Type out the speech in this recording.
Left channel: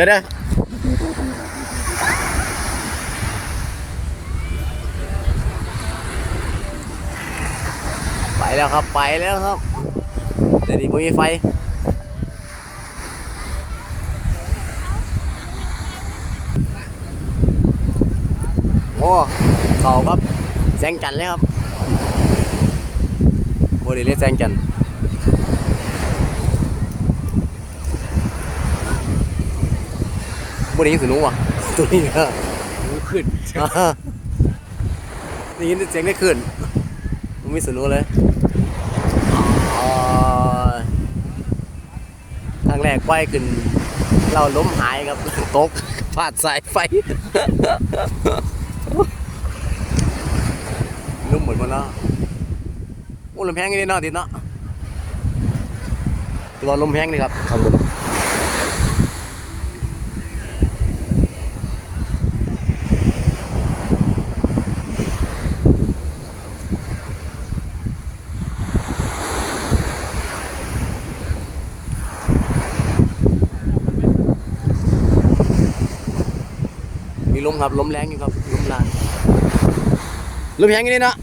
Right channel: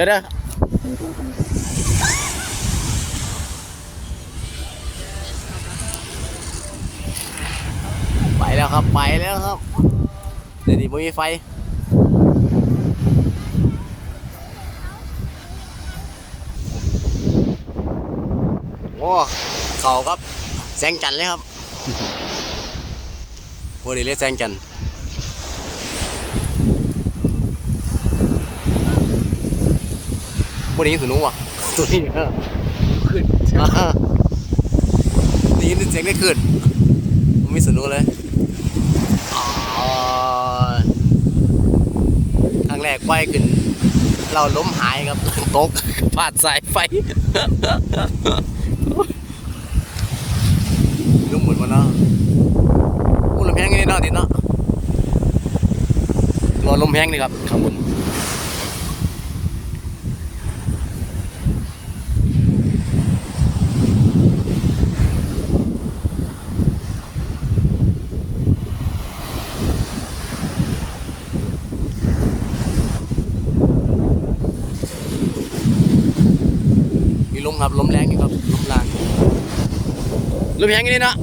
ดี๋ยวเดี๋ยวไปแล้วครับ ไปแล้วครับ เดี๋ยวนี้ไม่มีไฟโอ้เขาครับแสงจันเลยครับโมเดลแสงจัน ทร์โมเดลยินสุนุว่ะตัวนี้เนี่ยขึ้นอ่าได้ยินเสียงได้ขึ้นมันมีสุนุเลยอ๋อครั้งแรกไปขึ้น เราล้มหายครับตกพลาดสายไฟลุงเหมือนมันเนาะอู้ลมแพงนี่เนาะติดเนาะรอลมแพงนี่ครับครับ ครับลมแรงนี่ครับลมแรงลมแรงนี่เนาะ